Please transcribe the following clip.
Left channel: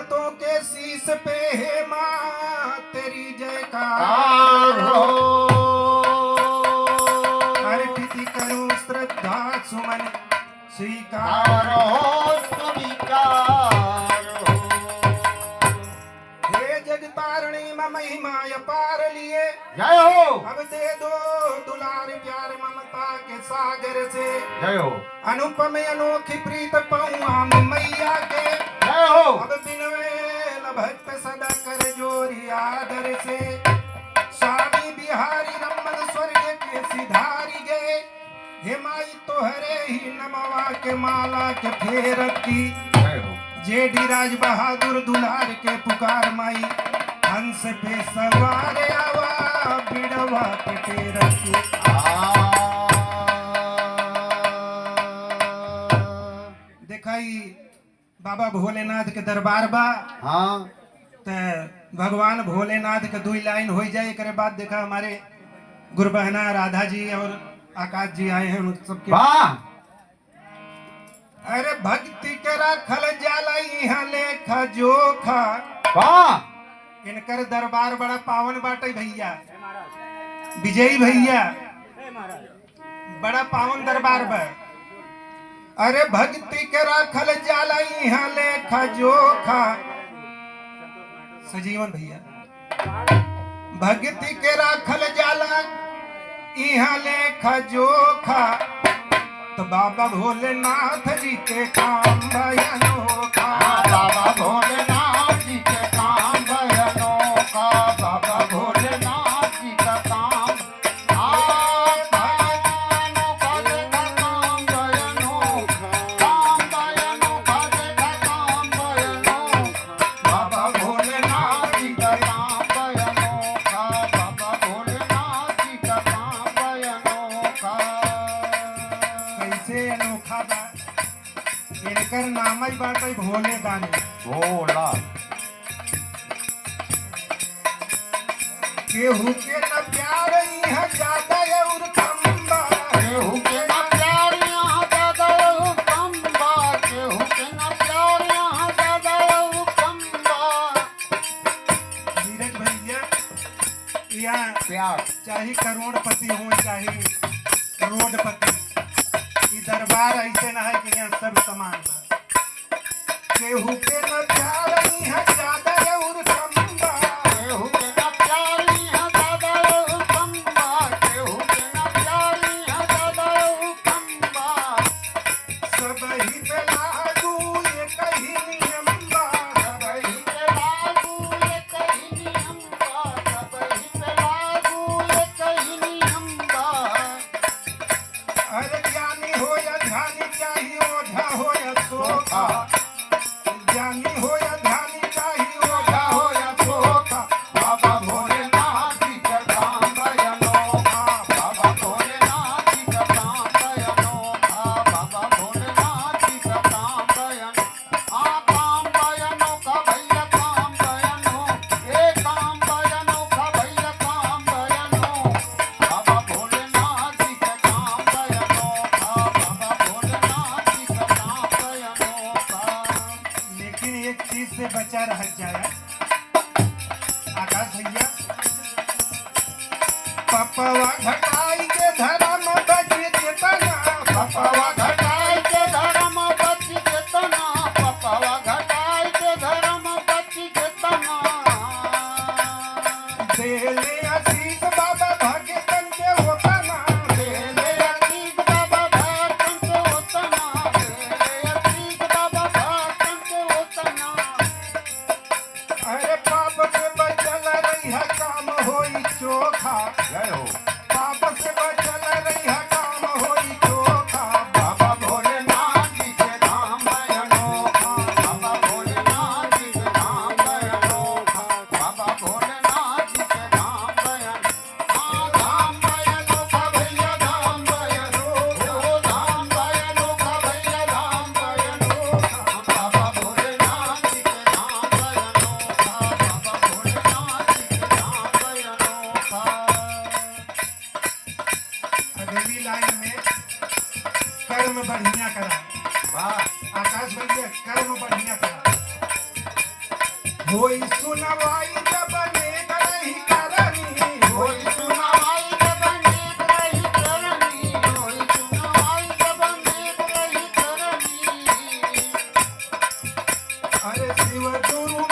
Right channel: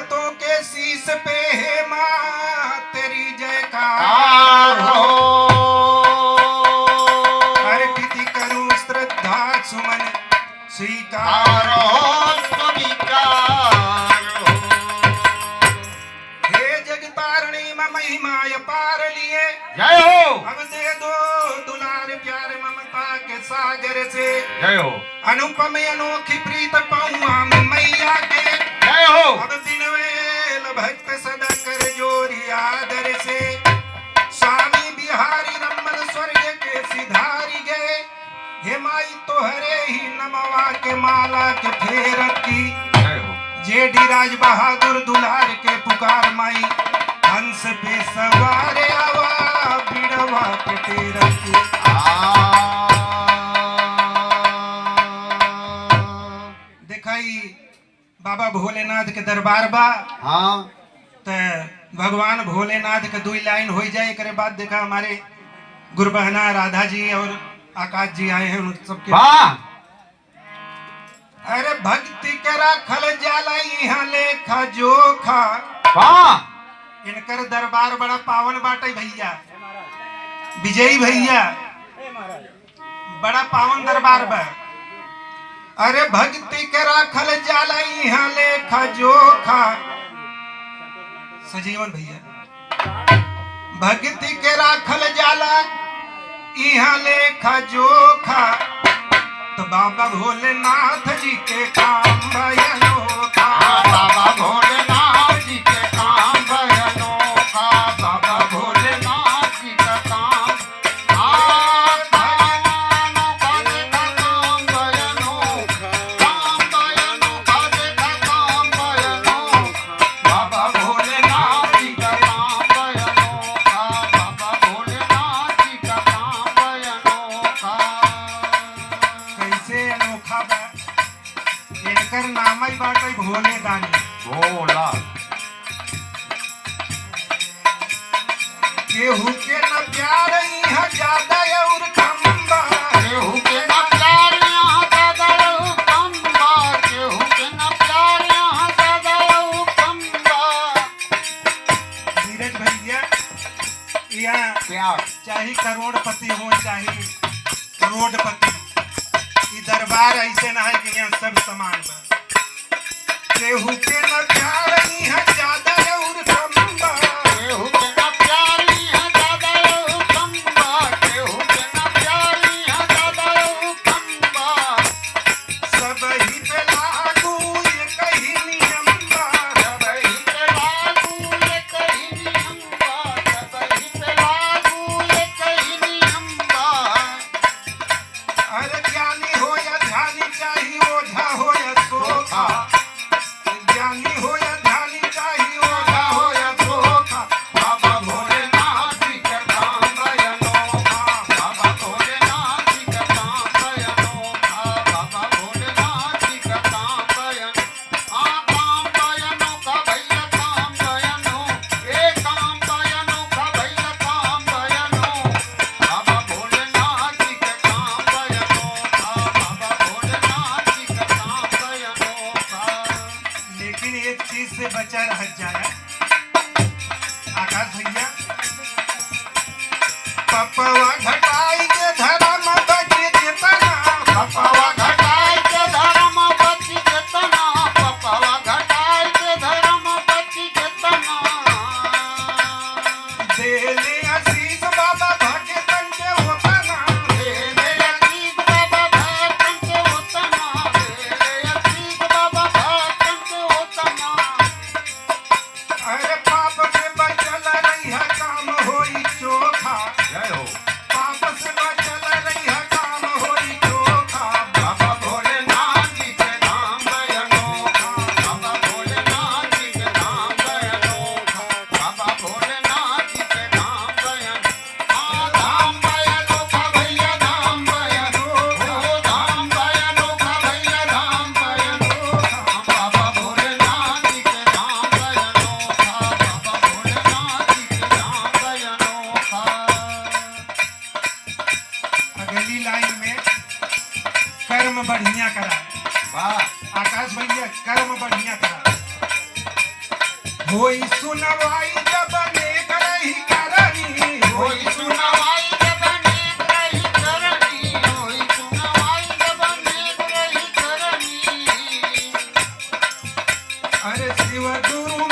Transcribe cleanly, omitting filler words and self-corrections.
भगतों के शीश पे है माँ तेरी जयकार हो। अर्पित करूं श्रद्धा सुमन स्वीकार हो, स्वीकार हो। हे जगतारणी मम महिमा अपार लिए, जय हो। अब दे दो दुलार प्यार ममता के सागर से। जय हो। अनुपम अनोखी प्रीत पाऊं मैं मैया के। जय हो। अब दिन वेल भक्त सदा कर जोरी आदर से। स्वामी बिहारी रमन स्वर्ग के सिधारी गए, हे माई तोहरे ही नमवा के माला के फेरत की। जय हो। जेडी राज बहादुर दुलार के पुकार माई, हंस पे सवार आवा बिड़वा के फेरत की। दिखाई बाबा भोलेनाथ के दरबार बा। हाँ। तो भगवान भोलेनाथ के दो लाइन हो जाए, करे बाद देखा हमारे गुरबहना राधा जी और आकाश जी आए हैं उन सबके। वाह। अरे भक्ति के राखल जाला यहाँ लेखा जोखा। वाह। इनकर दरबार बड़ा पावन बाटे भैया, विजयी भैया, बड़ा पावन दरबार बा। अरे भक्ति के राखल जाला यहाँ लेखा जोखा। सजीवन भैया, भक्ति के राखल जाला यहाँ लेखा जोखा। तो बाबा भोलेनाथ जी के काम भयनोखा। बाबा भोलेनाथ जी के काम भयनोखा। बाबा भोलेनाथ जी का काम भयनोखा। देखा काम भयनोखा। काम भयनोखा। देखा काम भयनोखा। बाबा भोलेनाथ जी का काम भयनोखा। बाबा भोलेनाथ जी का काम भयनोखा। कैसे अनोखा बा, इनकर नाम ही बाटे भोले दानी। भोला। केहू के न प्यार यहाँ ज्यादा और कम बा। केहू के न प्यार यहाँ ज्यादा और कम बा। केहू के न प्यार यहाँ ज्यादा और कम बा। धीरज भैया, यहाँ प्यार चाहे करोड़पति हो चाहे करोड़पति, ये दरबार ऐसे ना है कि यहाँ सब समान बा। केहू के न प्यार यहाँ ज्यादा और कम बा। केहू के न प्यार यहाँ ज्यादा और कम बा। केहू के न प्यार यहाँ ज्यादा और कम बा। सब ही पे लागू ये कही नियम बा। सबही पे लागू एक ही नियम बा। सबही पे लागू एक ही नियम बा। अरे ज्ञानी हो या ध्यानी चाहिए ओझा हो या सोखा। ज्ञानी हो या ध्यानी चाहिए ओझा हो या सोखा। बाबा भोलेनाथ जी का काम भयनोखा। बाबा भोलेनाथ जी का काम भयनोखा। बाबा भोलेनाथ जी का काम काम भयनोखा भैया काम भयनो। ये काम भयनोखा भैया काम भयनो। बाबा भोलेनाथ जी का काम भयनोखा। बाबा भोलेनाथ जी का काम भयनोखा। लेकिन एक चीज से बचा रह जाए आकाश भैया, पपवा घटाई के धर्म बचे चेतना। पपवा घटाई के धर्म बची जेतना। पपवा घटाई के धर्म बची जेतना। देले आशीष बाबा भगतन के वतना। देले अतीत बाबा भगतन के उतना। देले अतीत बाबा भगतन के उतना। अरे पाप से बचल रही काम होई चोखा। जय हो। पाप से बचल रही होई सुनवाई जब नेक रही करनी होई सुनवाई जब नेक रही करनी होई सुनवाई जब नेक रही करनी अरे शिव गुरु